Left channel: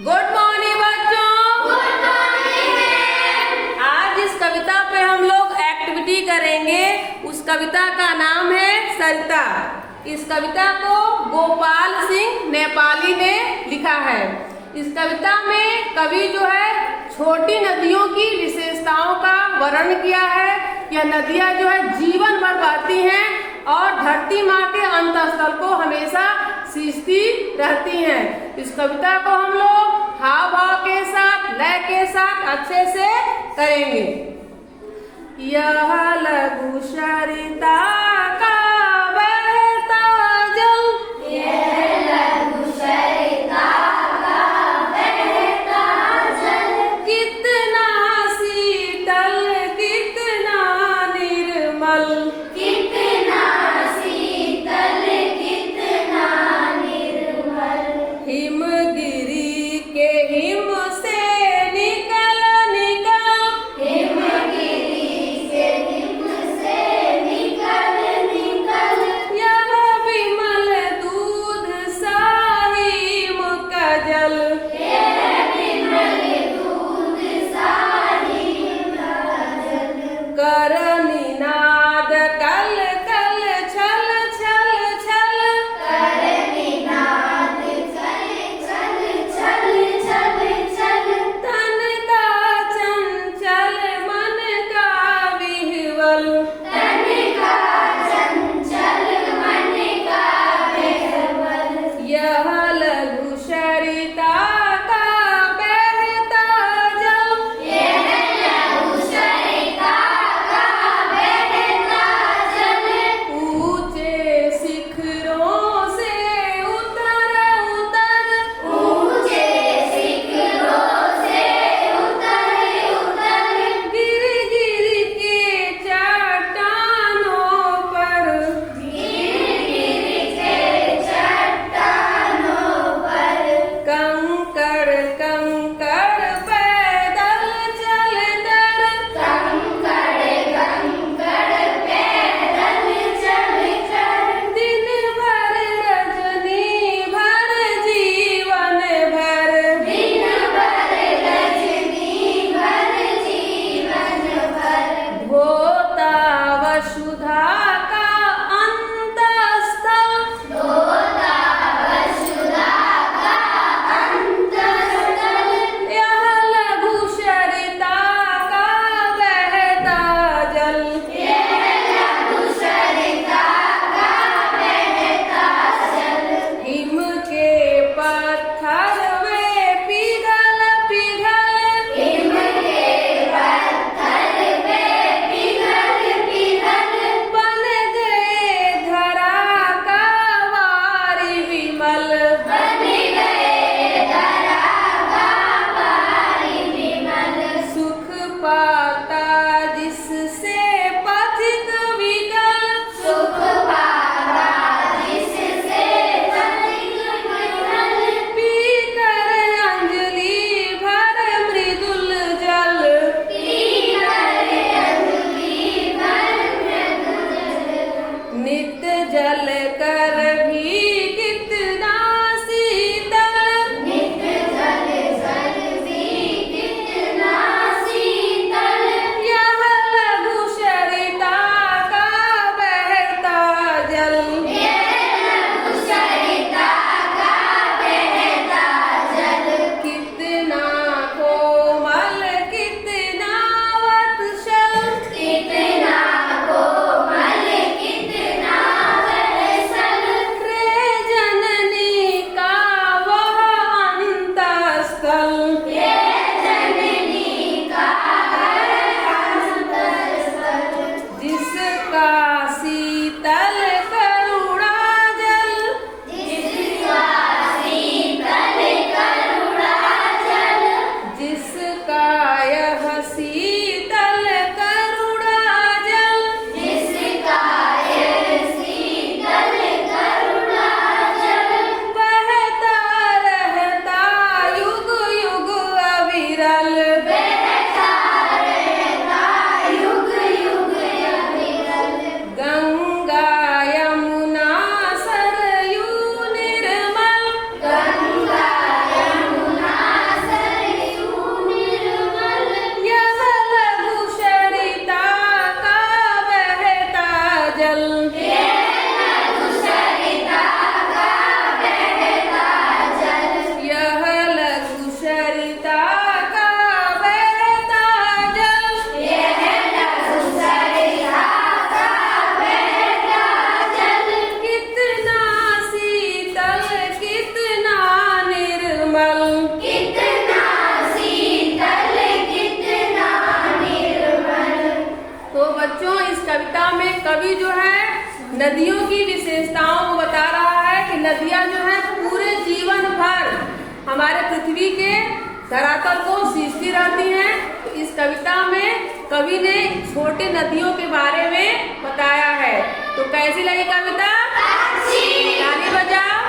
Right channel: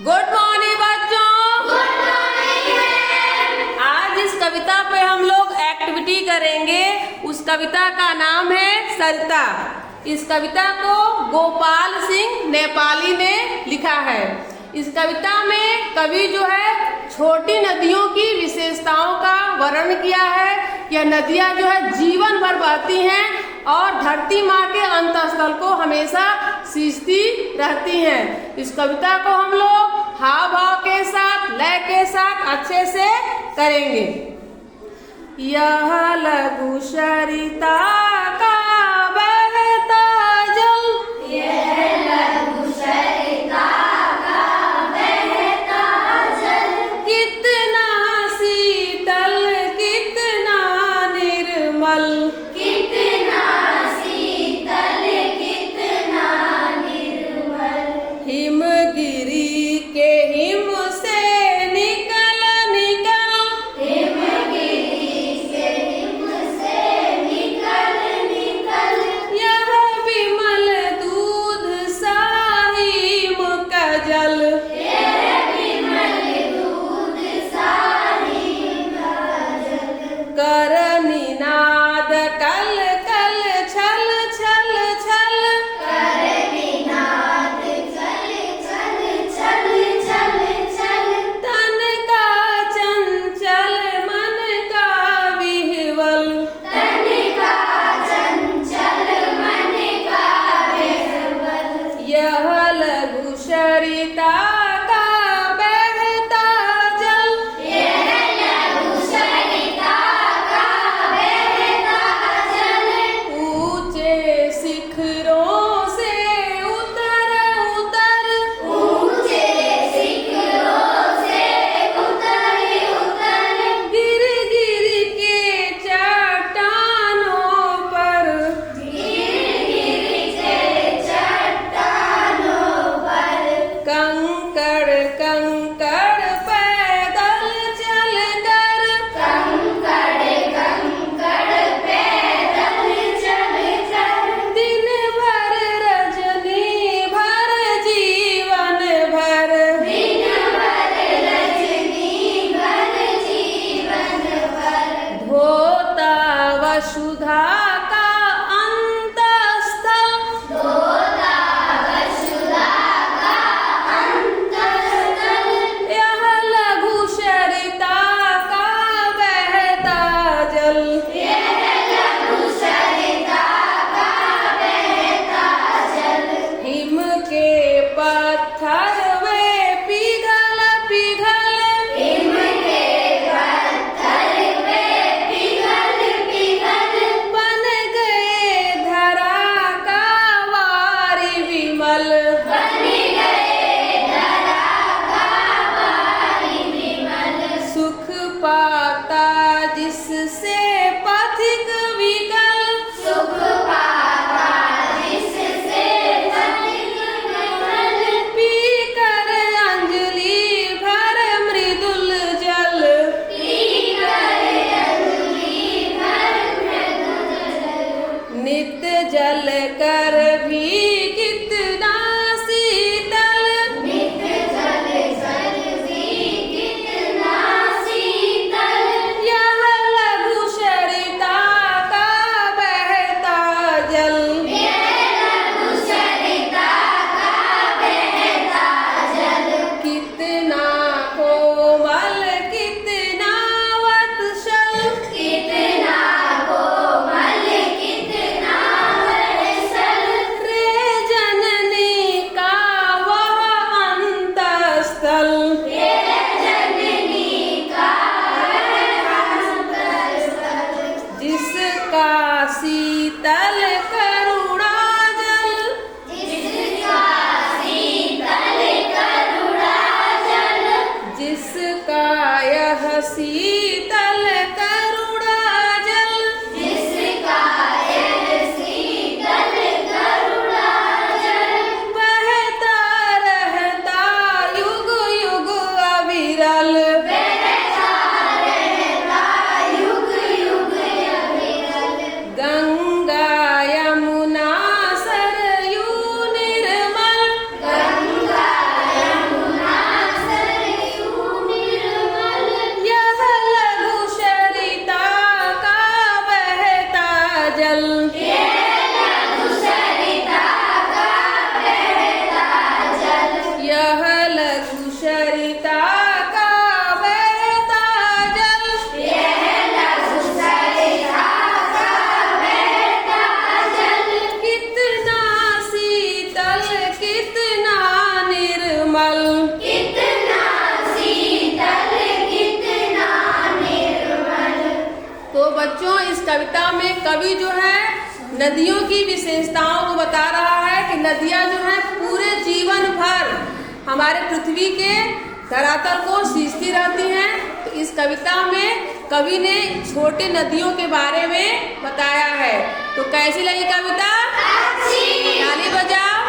Good morning बच्चों। Good morning. आज इस कविता पे हम लोग एक्टिविटी करेंगे। उस कविता का नाम है सरिता। इस कविता को गोपाल सिंह नेपाली ने लिखा है। इस कविता में कवि जो है छोटी नदियों की विशेषताओं का वर्णन किया है। यह नदियां जो है जीवन भर बहती हैं और धरती माँ के अंतःस्थल को हमेशा सींचती रहती हैं। इस कविता को हम लोग हाव भाव के साथ, लय के साथ अच्छे से करेंगे। यह लघु सरिता का बहता जल, यह लघु सरिता का बहता जल, कितना शीतल कितना निर्मल, कितना शीतल कितना निर्मल। हिमगिरी के हिम से निकल निकल, हिमगिरी से हिम से निकल निकल, यह विमल दूध सा हिम का जल, यह विमल दूध सा हिम का जल। कर निनाद कल कल छल छल छल, कर निनाद चल चल चल चल चल, तन का चंचल मन का विह्वल, तन का चंचल मन का विह्वल। यह लघु सरिता का बहता जल, यह लघु सरिता का बहता जल, ऊंचे शिखरों से उतर उतर, ऊंचे शिखरों से उतर उतर, गिर गिर के चट्टानों पर, गिर गिर के चट्टानों पर, कंकड़ कवि जो है नदियों की विशेषताओं को बता रहा है कि नदियां जो है पूरे जीवन भर हमारे पृथ्वी के धरातल को सींचती रहती हैं। तो इस कविता में कवि ने छोटी नदियों के बारे में बताया है। तो कैसी लगी कविता? अच्छी। ताली बजाओ।